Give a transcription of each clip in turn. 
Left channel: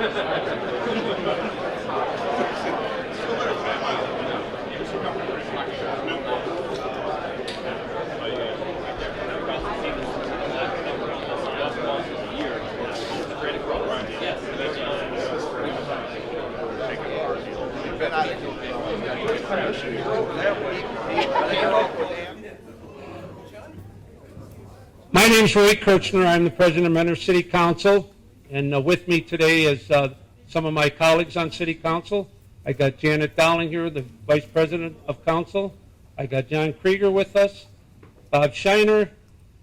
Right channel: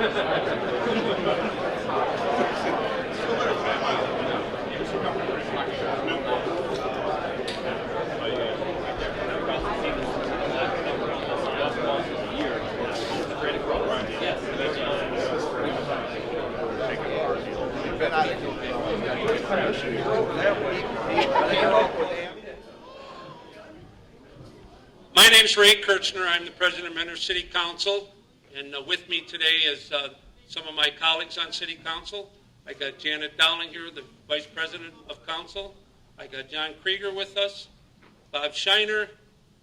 My name is Ray Kirchner. I'm the president of Mentor City Council, and with me today is some of my colleagues on City Council. I got Janet Dowling here, the vice president of council. I got John Krieger with us, Bob Shiner,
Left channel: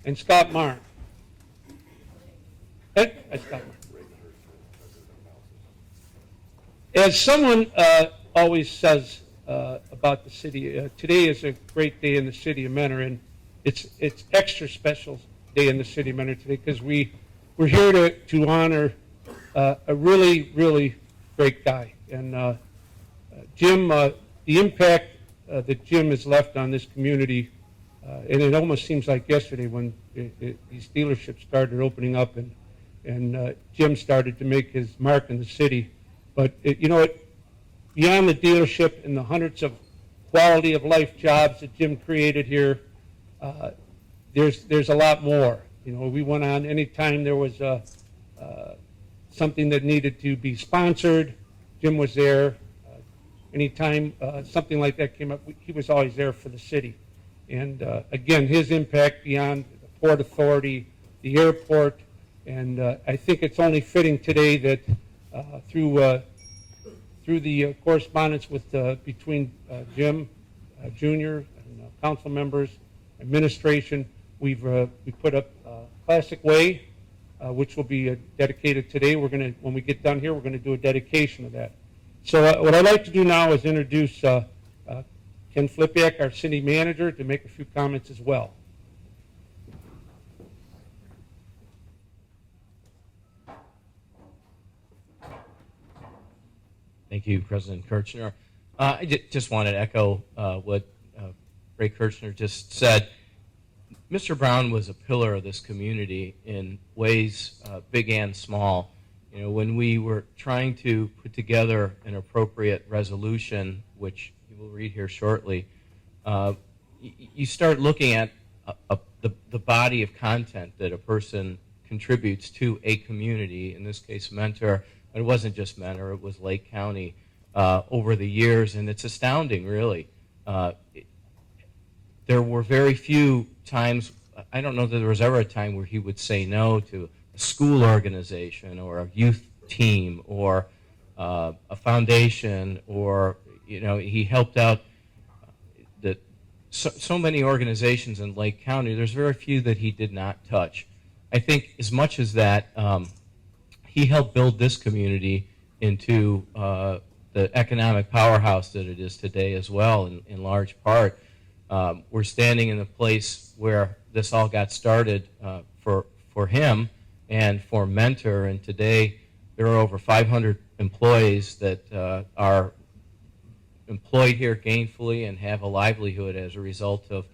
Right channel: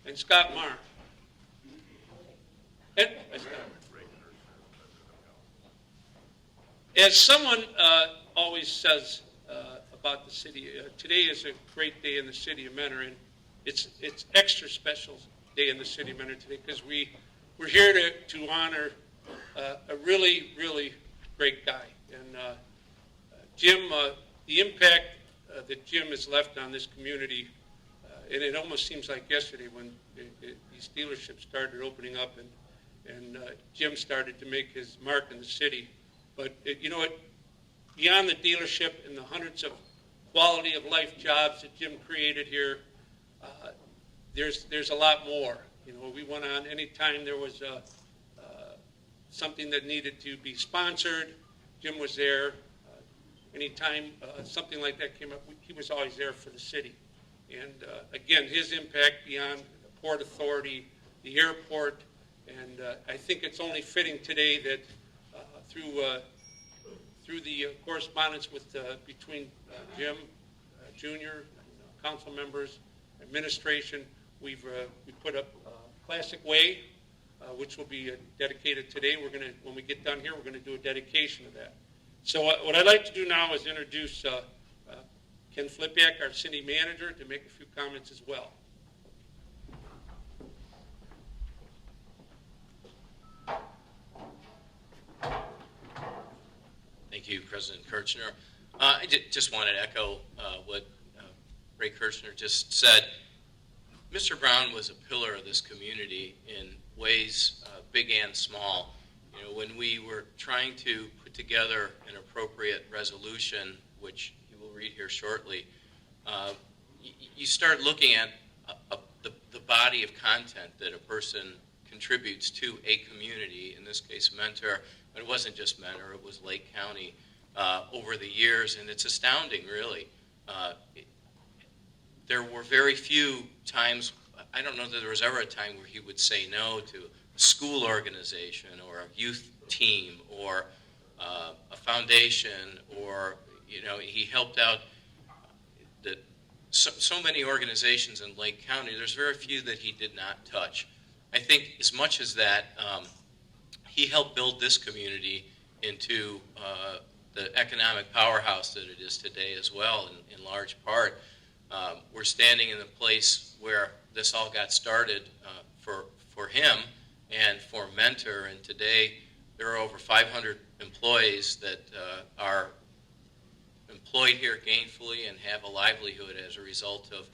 and Scott Marr. Hey, hi, Scott. As someone always says about the city, today is a great day in the city of Mentor, and it's extra special day in the city of Mentor today because we're here to honor a really, really great guy. And Jim, the impact that Jim has left on this community, and it almost seems like yesterday when these dealerships started opening up and Jim started to make his mark in the city. But beyond the dealership and the hundreds of quality of life jobs that Jim created here, there's a lot more. We went on anytime there was something that needed to be sponsored, Jim was there. Anytime something like that came up, he was always there for the city. And again, his impact beyond the Port Authority, the airport, and I think it's only fitting today that through the correspondence with between Jim Jr. and council members, administration, we put up Classic Way, which will be dedicated today. When we get done here, we're going to do a dedication of that. So what I'd like to do now is introduce Ken Flipiak, our city manager, to make a few comments as well. Thank you, President Kirchner. I just wanted to echo what Ray Kirchner just said. Mr. Brown was a pillar of this community in ways big and small. When we were trying to put together an appropriate resolution, which you will read here shortly, you start looking at the body of content that a person contributes to a community, in this case Mentor. It wasn't just Mentor, it was Lake County over the years, and it's astounding, really. There were very few times, I don't know that there was ever a time where he would say no to a school organization or a youth team or a foundation, or he helped out so many organizations in Lake County. There's very few that he did not touch. I think as much as that, he helped build this community into the economic powerhouse that it is today as well, in large part. We're standing in the place where this all got started for him and for Mentor, and today there are over 500 employees that are employed here gainfully and have a livelihood as a result of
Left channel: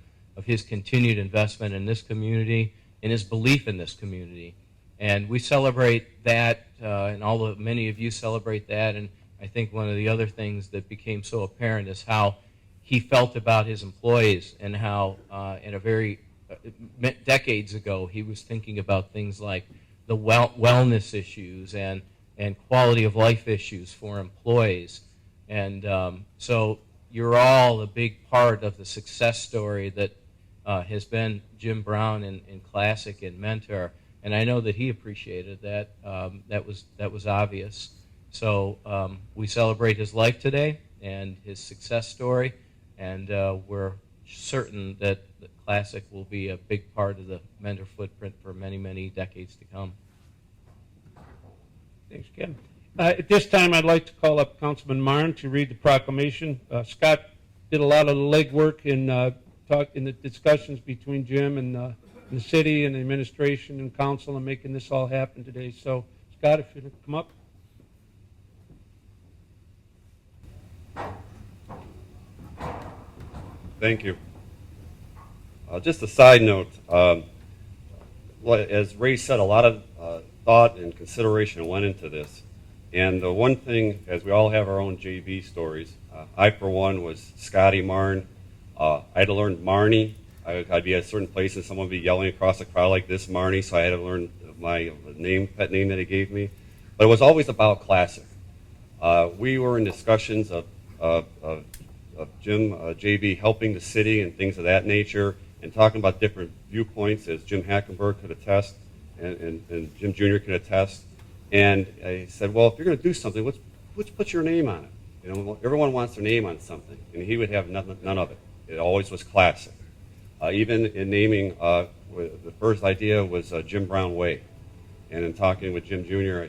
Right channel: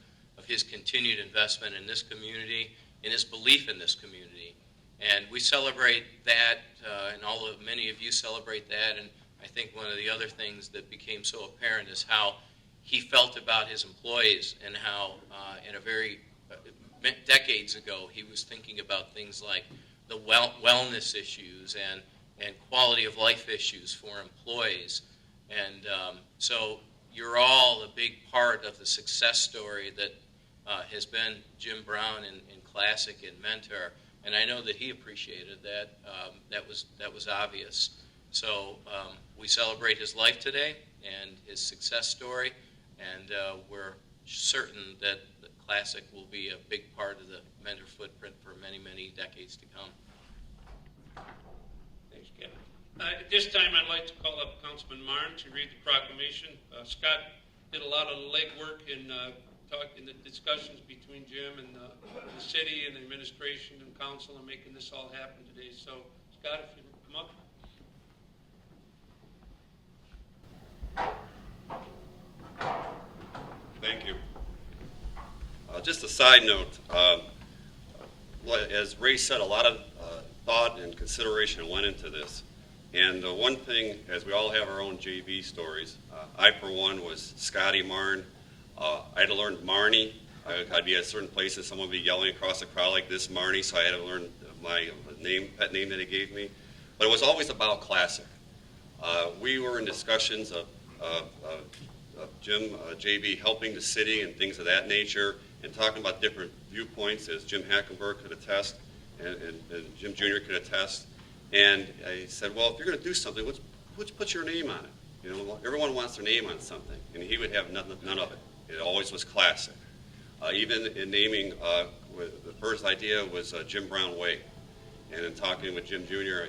his continued investment in this community and his belief in this community. And we celebrate that, and many of you celebrate that, and I think one of the other things that became so apparent is how he felt about his employees, and how decades ago he was thinking about things like the wellness issues and quality of life issues for employees. And so you're all a big part of the success story that has been Jim Brown and Classic and Mentor. And I know that he appreciated that. That was obvious. So we celebrate his life today and his success story, and we're certain that the Classic will be a big part of the Mentor footprint for many, many decades to come. Thanks, Ken. At this time, I'd like to call up Councilman Marn to read the proclamation. Scott did a lot of the legwork in the discussions between Jim and the city and the administration and council and making this all happen today. So, Scott, if you'd come up. Thank you. Just a side note, as Ray said, a lot of thought and consideration went into this. And the one thing, as we all have our own JV stories, I, for one, was Scotty Marn. I had to learn Marnie. I'd be at a certain place and someone would be yelling across the crowd like this, Marnie, so I had to learn my name, pet name that he gave me. But it was always about classic. We were in discussions of Jim, JV, helping the city and things of that nature, and talking about different viewpoints, as Jim Hackenberg could attest, and Jim Jr. could attest. And I said, well, if you're going to do something, let's put your name on it. You know, everyone wants their name on something, and he would have none of it. It always was classic. Even in naming, the first idea was Jim Brown Way. And in talking with Jim Jr.,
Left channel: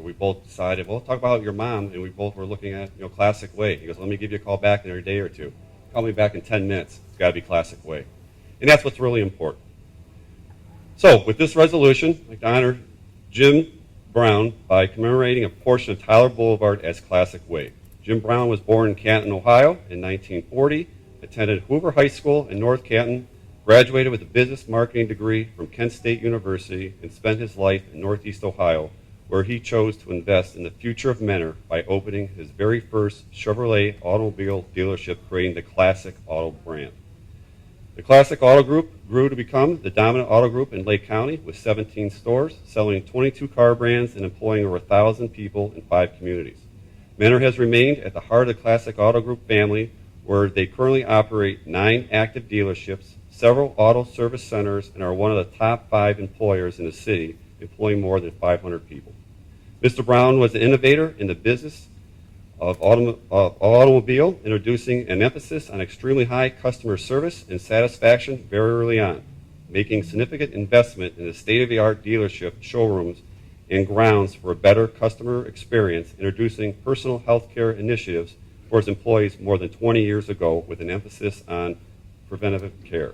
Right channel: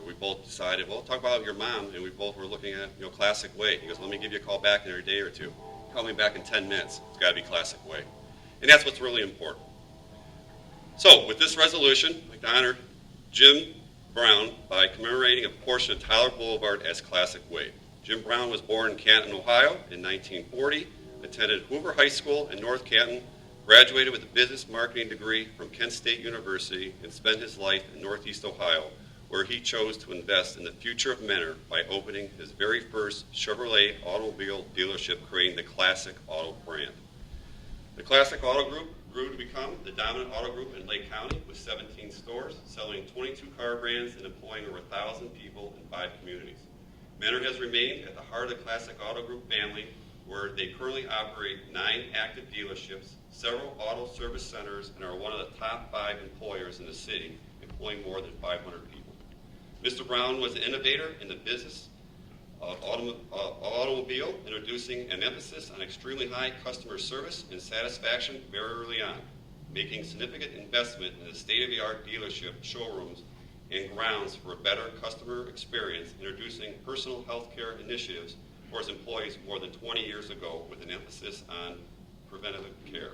we both decided, well, talk about your mom, and we both were looking at, Classic Way. He goes, let me give you a call back in a day or two. Call me back in 10 minutes. It's got to be Classic Way. And that's what's really important. So with this resolution, I'd like to honor Jim Brown by commemorating a portion of Tyler Boulevard as Classic Way. Jim Brown was born in Canton, Ohio in 1940, attended Hoover High School in North Canton, graduated with a business marketing degree from Kent State University, and spent his life in Northeast Ohio, where he chose to invest in the future of Mentor by opening his very first Chevrolet automobile dealership, creating the Classic Auto brand. The Classic Auto Group grew to become the dominant auto group in Lake County with 17 stores, selling 22 car brands and employing over 1,000 people in 5 communities. Mentor has remained at the heart of the Classic Auto Group family, where they currently operate 9 active dealerships, several auto service centers, and are one of the top 5 employers in the city, employing more than 500 people. Mr. Brown was an innovator in the business of automobile, introducing an emphasis on extremely high customer service and satisfaction very early on, making significant investment in the state-of-the-art dealership showrooms and grounds for a better customer experience, introducing personal health care initiatives for his employees more than 20 years ago with an emphasis on preventative care.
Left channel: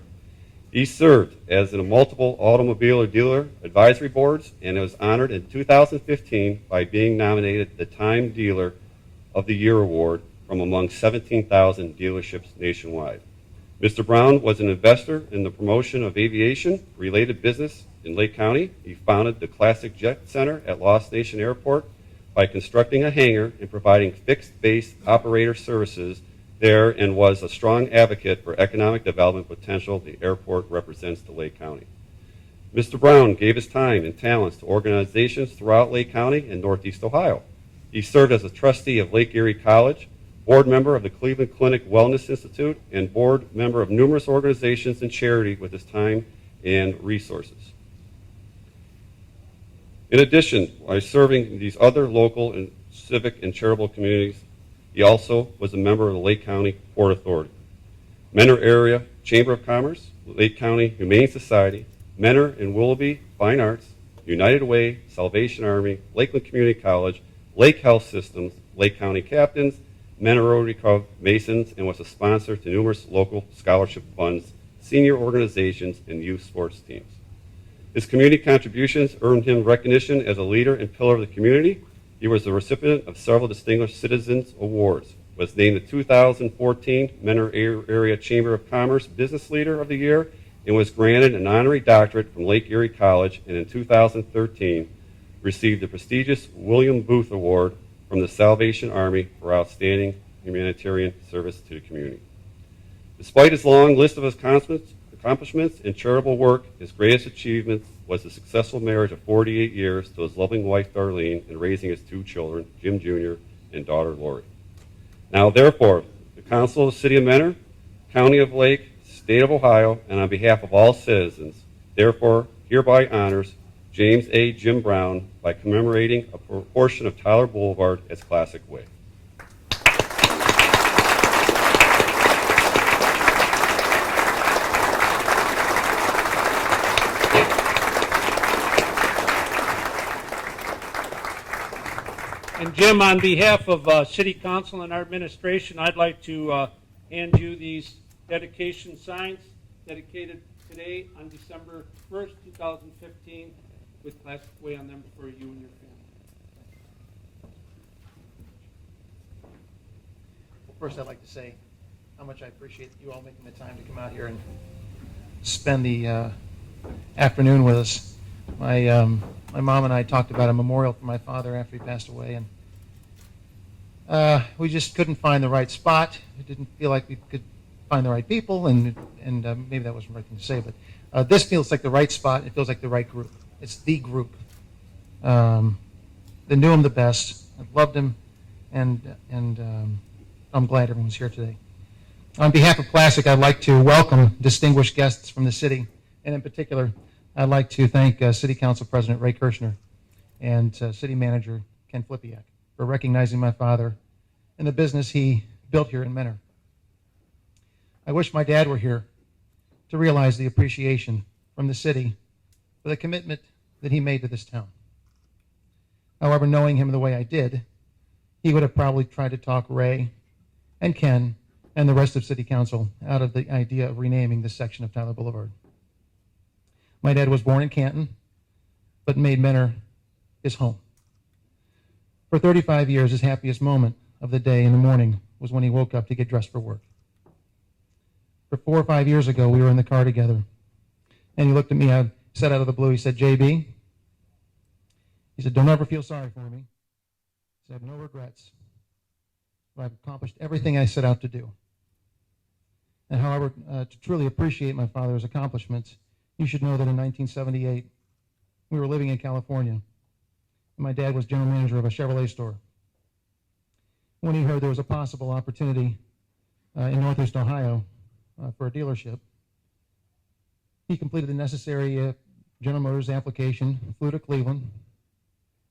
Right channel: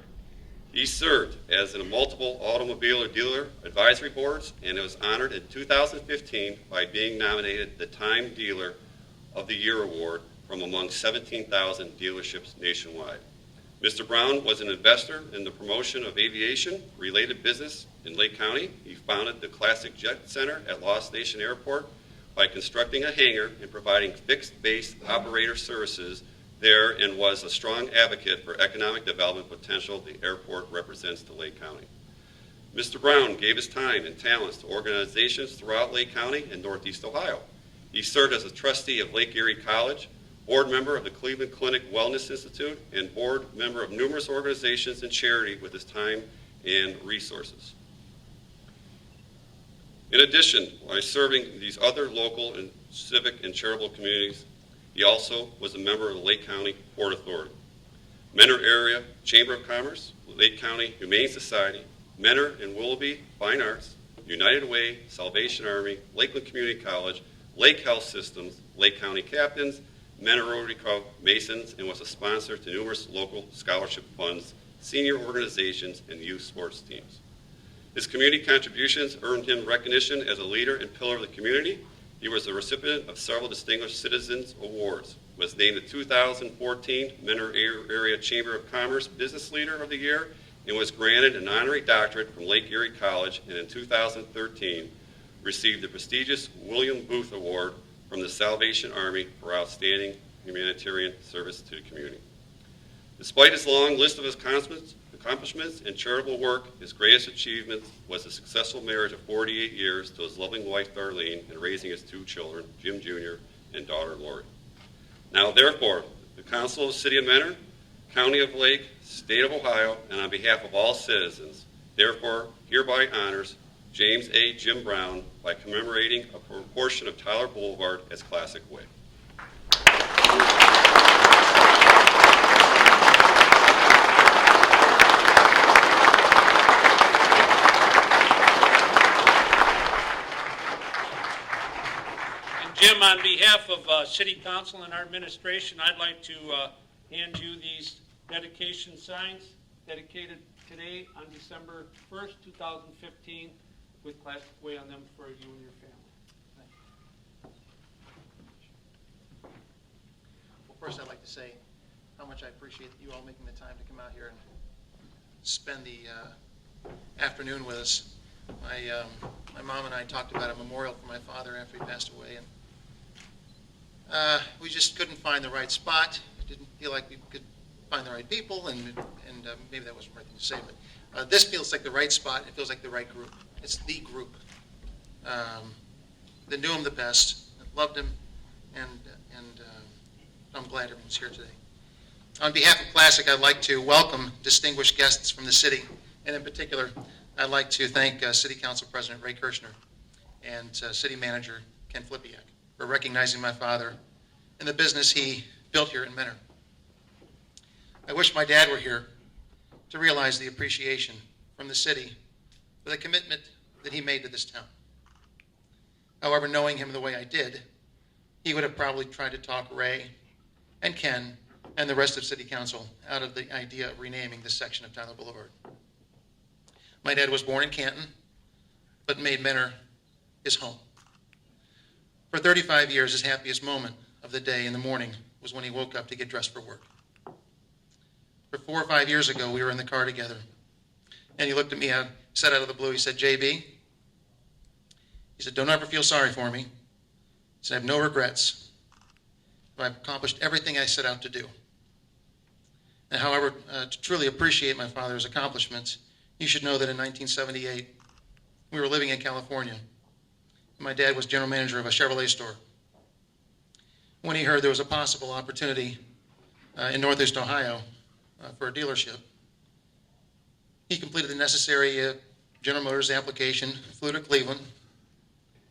He served as in multiple automobile dealer advisory boards and was honored in 2015 by being nominated the Time Dealer of the Year Award from among 17,000 dealerships nationwide. Mr. Brown was an investor in the promotion of aviation-related business in Lake County. He founded the Classic Jet Center at Lost Nation Airport by constructing a hangar and providing fixed-base operator services there, and was a strong advocate for economic development potential the airport represents to Lake County. Mr. Brown gave his time and talents to organizations throughout Lake County and Northeast Ohio. He served as a trustee of Lake Erie College, board member of the Cleveland Clinic Wellness Institute, and board member of numerous organizations and charity with his time and resources. In addition, by serving these other local and civic and charitable communities, he also was a member of the Lake County Port Authority, Mentor Area Chamber of Commerce, Lake County Humane Society, Mentor and Willoughby Fine Arts, United Way, Salvation Army, Lakeland Community College, Lake Health Systems, Lake County Captains, Mentor Rotary Club Masons, and was a sponsor to numerous local scholarship funds, senior organizations, and youth sports teams. His community contributions earned him recognition as a leader and pillar of the community. He was the recipient of several Distinguished Citizens Awards, was named the 2014 Mentor Area Chamber of Commerce Business Leader of the Year, and was granted an honorary doctorate from Lake Erie College, and in 2013 received the prestigious William Booth Award from the Salvation Army for outstanding humanitarian service to the community. Despite his long list of accomplishments in charitable work, his greatest achievement was the successful marriage of 48 years to his loving wife, Darlene, and raising his 2 children, Jim Jr. and daughter, Lori. Now, therefore, the Council of the City of Mentor, County of Lake, State of Ohio, and on behalf of all citizens, therefore hereby honors James A. Jim Brown by commemorating a portion of Tyler Boulevard as Classic Way. And Jim, on behalf of City Council and our administration, I'd like to hand you these dedication signs dedicated today on December 1st, 2015, with Classic Way on them for you and your family. Well, first I'd like to say how much I appreciate you all making the time to come out here and spend the afternoon with us. My mom and I talked about a memorial for my father after he passed away, and We just couldn't find the right spot. It didn't feel like we could find the right people, and maybe that wasn't the right thing to say, but this feels like the right spot. It feels like the right group. It's the group. They knew him the best, loved him, and I'm glad everyone's here today. On behalf of Classic, I'd like to welcome distinguished guests from the city, and in particular, I'd like to thank City Council President Ray Kirshner and City Manager Ken Flipiak for recognizing my father and the business he built here in Mentor. I wish my dad were here to realize the appreciation from the city for the commitment that he made to this town. However, knowing him the way I did, he would have probably tried to talk Ray and Ken and the rest of City Council out of the idea of renaming this section of Tyler Boulevard. My dad was born in Canton, but made Mentor his home. For 35 years, his happiest moment of the day in the morning was when he woke up to get dressed for work. For 4 or 5 years ago, we were in the car together, and he looked at me and said out of the blue, he said, "JB," he said, "don't ever feel sorry for me." He said, "I have no regrets. I've accomplished everything I set out to do." And however, to truly appreciate my father's accomplishments, you should know that in 1978, we were living in California. My dad was general manager of a Chevrolet store. When he heard there was a possible opportunity in Northeast Ohio for a dealership, he completed the necessary General Motors application, flew to Cleveland,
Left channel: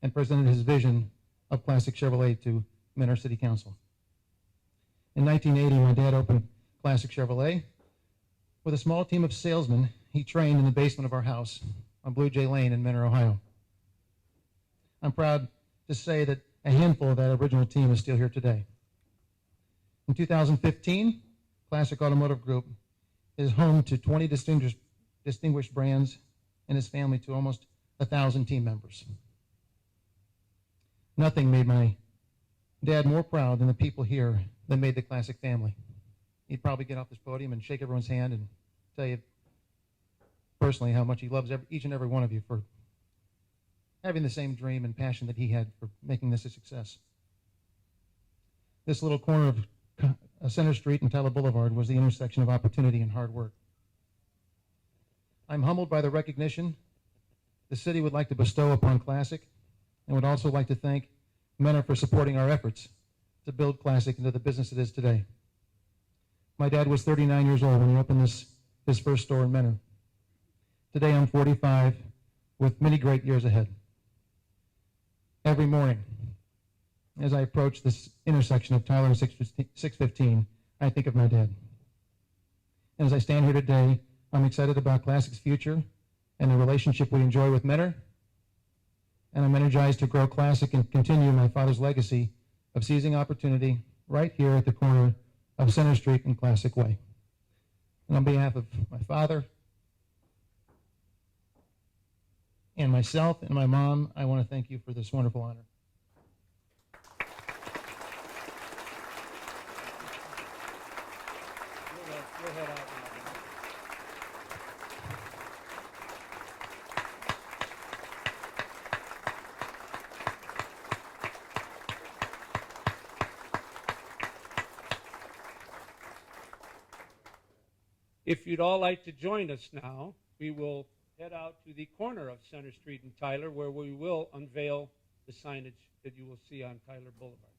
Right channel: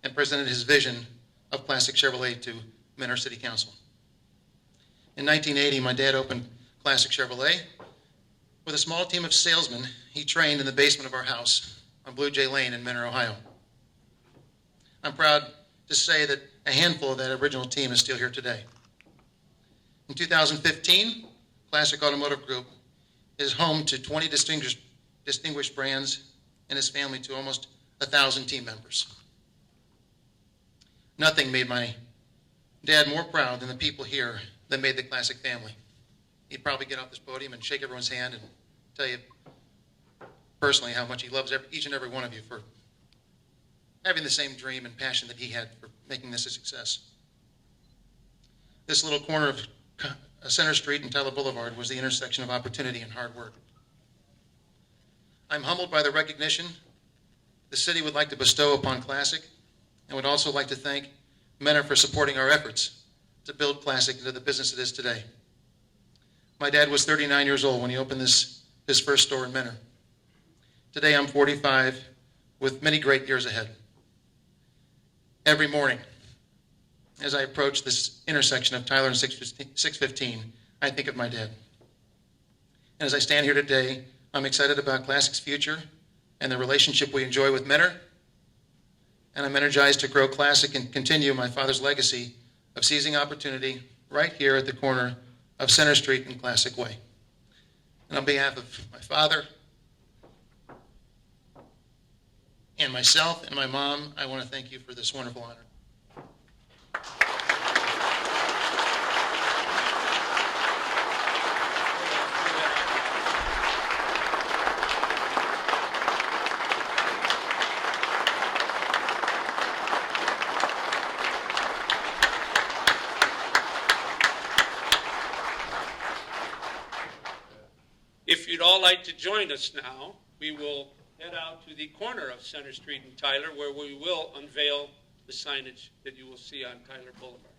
and presented his vision of Classic Chevrolet to Mentor City Council. In 1980, my dad opened Classic Chevrolet. With a small team of salesmen, he trained in the basement of our house on Blue Jay Lane in Mentor, Ohio. I'm proud to say that a handful of that original team is still here today. In 2015, Classic Automotive Group is home to 20 distinguished brands and his family to almost 1,000 team members. Nothing made my dad more proud than the people here that made the Classic family. He'd probably get off this podium and shake everyone's hand and tell you personally how much he loves each and every one of you for having the same dream and passion that he had for making this a success. This little corner of Center Street and Tyler Boulevard was the intersection of opportunity and hard work. I'm humbled by the recognition the city would like to bestow upon Classic, and would also like to thank Mentor for supporting our efforts to build Classic into the business it is today. My dad was 39 years old when he opened his first store in Mentor. Today I'm 45 with many great years ahead. Every morning, as I approach this intersection of Tyler and 615, I think of my dad. And as I stand here today, I'm excited about Classic's future and the relationship we enjoy with Mentor. And I'm energized to grow Classic and continue my father's legacy of seizing opportunity right here at the corner of Center Street and Classic Way. And on behalf of my father and myself and my mom, I want to thank you for this wonderful honor. If you'd all like to join us now, we will head out to the corner of Center Street and Tyler, where we will unveil the signage that you will see on Tyler Boulevard.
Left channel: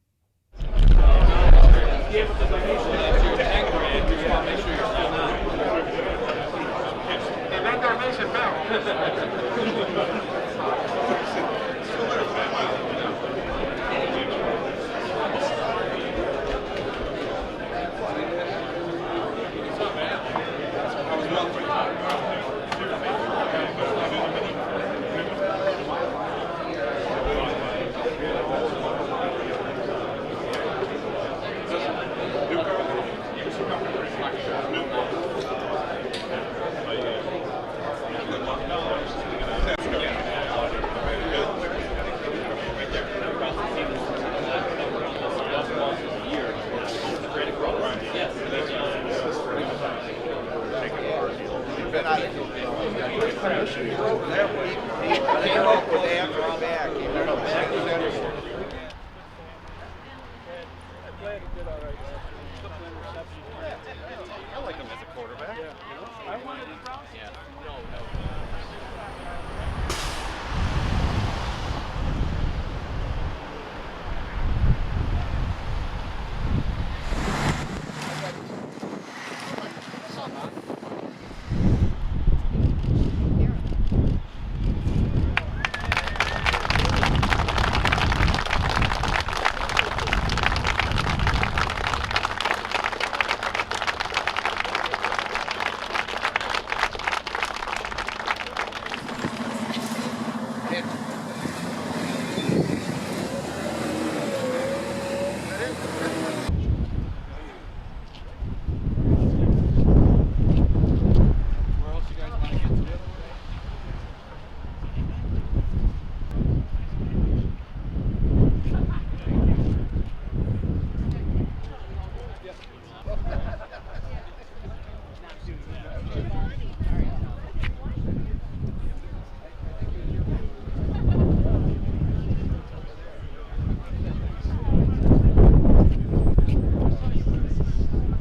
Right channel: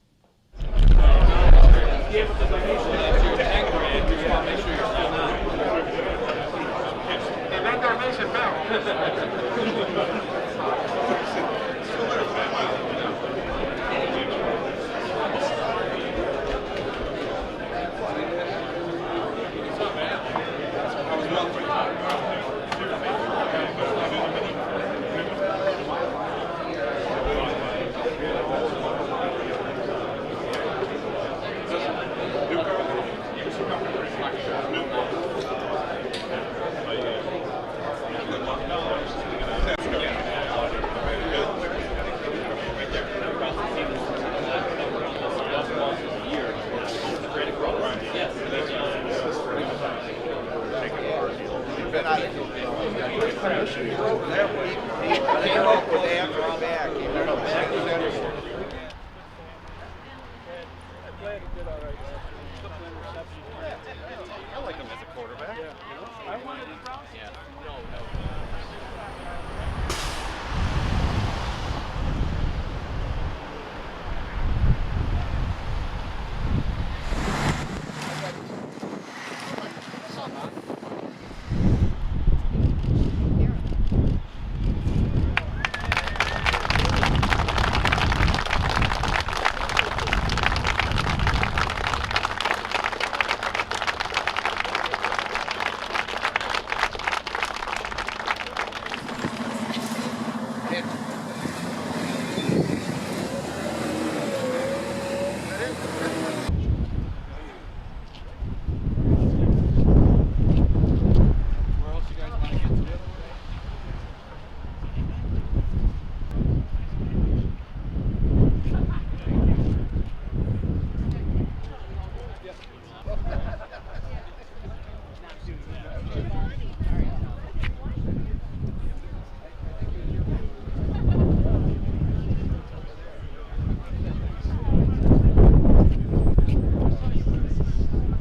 Came up with after